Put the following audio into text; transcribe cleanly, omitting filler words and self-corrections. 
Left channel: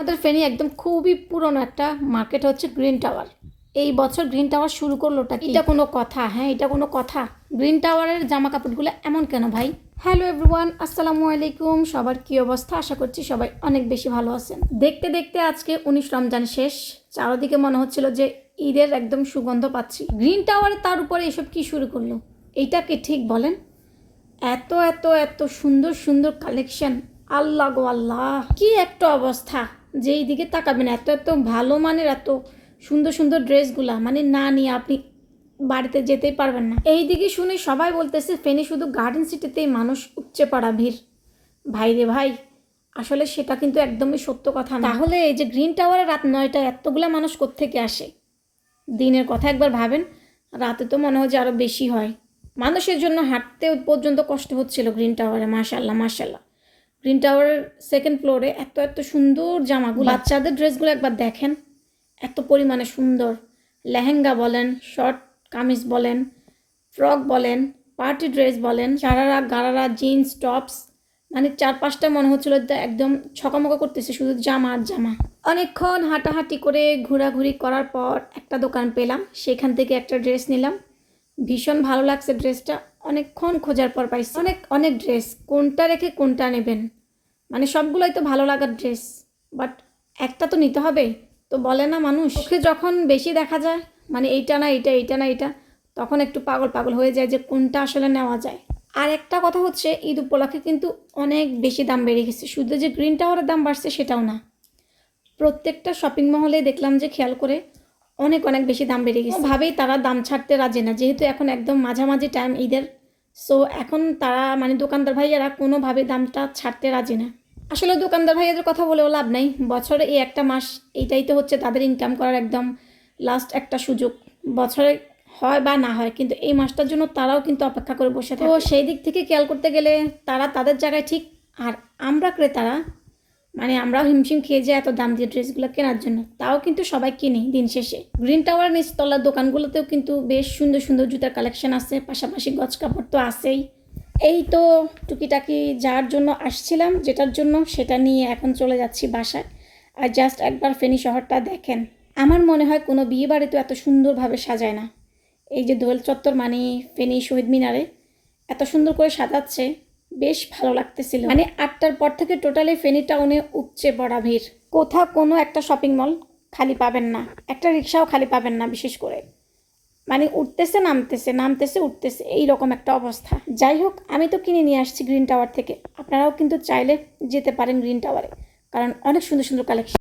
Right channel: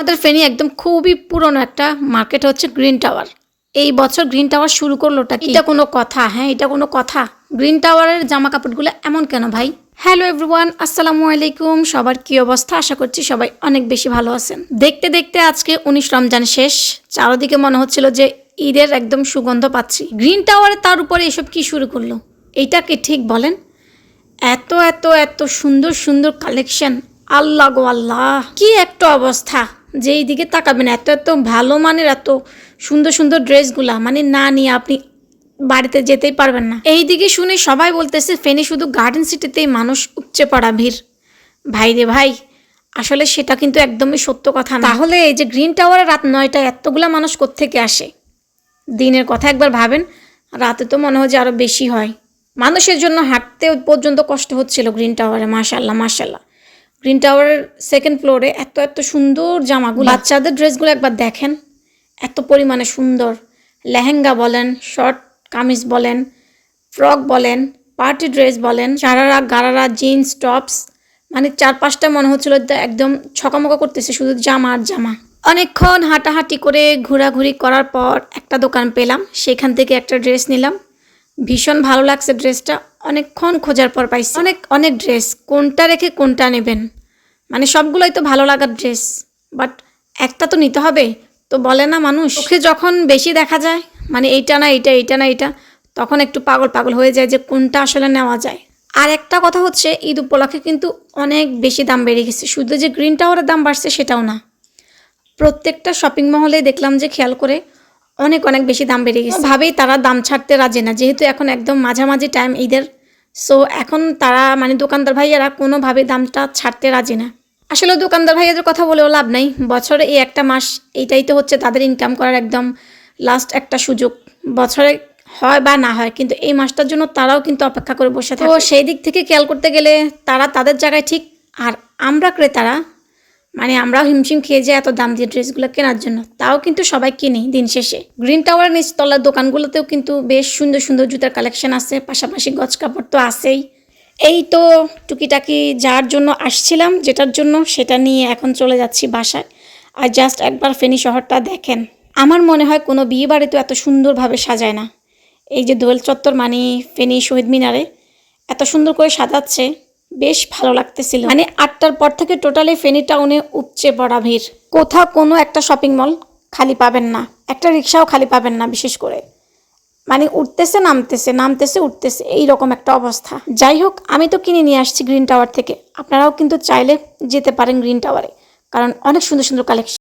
আমাদের ফেনী একদম খুবই পুরনো একটা মার্কেট হচ্ছে গ্রিন টাওয়ার। এই বছর গ্রিন টাওয়ার শুরু করলোটা কি? এটা কোনো কথা? হ্যাঁ, এটা কোনো কথা? গ্রিন টাওয়ারের জামা কাপড়গুলো এমন কেন ভাই? হ্যালো এভরিওয়ান, আসসালামু আলাইকুম। সবার কি অবস্থা? আশা করছি সবাই অনেক বেশি ভালো আছেন। দেখতে দেখতে আজকে 19 রমজান শেষ। চারদিকে মনে হচ্ছিল যে ঈদের একদম সুগন্ধ পাচ্ছি। গ্রিন টাওয়ারে তার উপরে এসব কি শুরু করলো? এইটা কি ঠিক বলেন? এত এত এত সুন্দর সুন্দর কালেকশন, আল্লাহ গো আল্লাহ, কি একটা অবস্থা! যেই দিকে তাকাবেন এত এত ভালো মানের এত সুন্দর সুন্দর ড্রেসগুলা, মানে না নিয়ে আপনি বাড়িতে যেতেই পারবেন না। এই দিকে শুনে সবাই বলতেছে ফেনী শুধু গার্ডেন সিটিতেই মানুষ উপচে পড়া ভিড়। ভাই রে ভাই, আসলে সেটা কিন্তু একদমই সত্য কথা না। তাহলে এই যে গ্রিন টাওয়ারে রাত 9টায় এতগুলা মানুষ কোত্থেকে আসে? দিনের কথা একবার ভাবেন, রাতে তো মনে হয় যে আরও বেশি হয়। মানুষের জন্য হাঁটতে পর্যন্ত কষ্ট হচ্ছিল গ্রিন টাওয়ারে। মাশাল্লাহ মাশাল্লাহ। গ্রিন টাওয়ারের সেকেন্ড ফ্লোরে এত এত সুন্দর জামাগুলো, বাচ্চাদের ড্রেসগুলো একবার দেখেন, এত পরিমাণে সুন্দর। লেহেঙ্গা বলেন, শর্ট কামিজ বলেন, ফ্রক বলেন, পার্টি ড্রেস বলেন, শারারা গারারা জিন্স টপস, মানে 4-5টা মনে হচ্ছিল একদম ছকামকা করতেছে শুধু জামা আর জামা। অনেকক্ষণ হাঁটাহাঁটি করে ঘোরাঘুরি করার পর একটা দোকান পেলাম, সেখান থেকে একটা ড্রেস নিলাম। ভীষণ ভালো লাগছে ড্রেসটা, অনেকক্ষণ খোঁজার পর পাইছি। অনেক অনেক ড্রেস, কোনটা রেখে কোনটা নেবেন? মানে সবগুলোই তো ভালো লাগার ড্রেস, বাট একটা তো নিতে হবে। তো বলে না মানুষ, চোখে যখন বেশি দেখা যায়, মানে এইটা না এইটা, এইটা না এইটা, তখন একটু পাগল পাগল হয়ে যায় যে কোনটা আসলে নেওয়া যায়। আর একটা কথা হচ্ছে, ঈদ উপলক্ষে কিন্তু অনেক বেশি দাম বেড়ে গেছে। শুধু যে গ্রিন টাওয়ারের দাম বাড়ছে সেটাও না, প্রত্যেকটা শপিং মহলে দেখলাম যে খেয়াল করে অনেক অনেক বেশি দাম বেড়ে গেছে। ভাবেই তারা দাম ছাড়তে রাজি না, যেহেতু এখন একদম মাঝামাঝি টাইম ঈদের। সো এখন তারা মানে দোকানদার ভাইয়ারা কোনোভাবে দামটা ছাড়তে রাজি না। আসলে দোকানদার ভাইয়াদের কথা বলেও লাভ নাই, বছরে এই একটা মাস এইটাই তো হচ্ছে তাদের ইনকাম করার একদম লাস্ট একটা সুযোগ। বছরে হয় বা না হয়, কিন্তু এই মাসটার জন্য তারাও কিন্তু অপেক্ষা করে বসে থাকে। তো সেই দিক থেকে খেয়াল করতে গেলে তারা তাদের জায়গায় ঠিক, আর আমরা ক্রেতারা মানে আমরাও হিমশিম খেয়ে যাই এত দাম দিয়ে ড্রেসগুলো কেনার জন্য। তাও কিন্তু সবাই কিনি দিন শেষে। গ্রিন টাওয়ারের নিচতলার দোকানগুলোতেও কিন্তু বেশ সুন্দর সুন্দর জুতার কালেকশন আছে, পাশাপাশি গজ কাপড় তো আছেই। এই তো টুকিটাকি যার জন্য আসছিলাম, যেটার জন্য সেটা নিয়ে এখন চলে যাচ্ছি বাসায়। আর জাস্ট একবার ফেনী শহরটা দেখেন, আমার মনে হয় কোনো বিয়ে বাড়ি তো এত সুন্দরভাবে সাজায় না। এই যে দোয়েল চত্বর মানে ফেনী শহীদ মিনারে এত সুন্দর করে সাজাচ্ছে, বেশ ভালো লাগতেছিল। মানে 8টার পর থেকে টোটালি ফেনী টাউনে উপচে পড়া ভিড়। কোথাও কোনো একটা শপিং মল খালি পাবেন না, একটা রিক্সাও খালি পাবেন না। বিশেষ করে মানে উঠতেছে নামতেছে, নামতেছে উঠতেছে, এইরকম একটা অবস্থা। যাই হোক, আমি তো কিনে নিয়ে আসছি গ্রিন টাওয়ার থেকে। আপনারাও কিন্তু চাইলে যেতে পারেন গ্রিন টাওয়ারে, কারণ অনেক সুন্দর সুন্দর কালেকশন।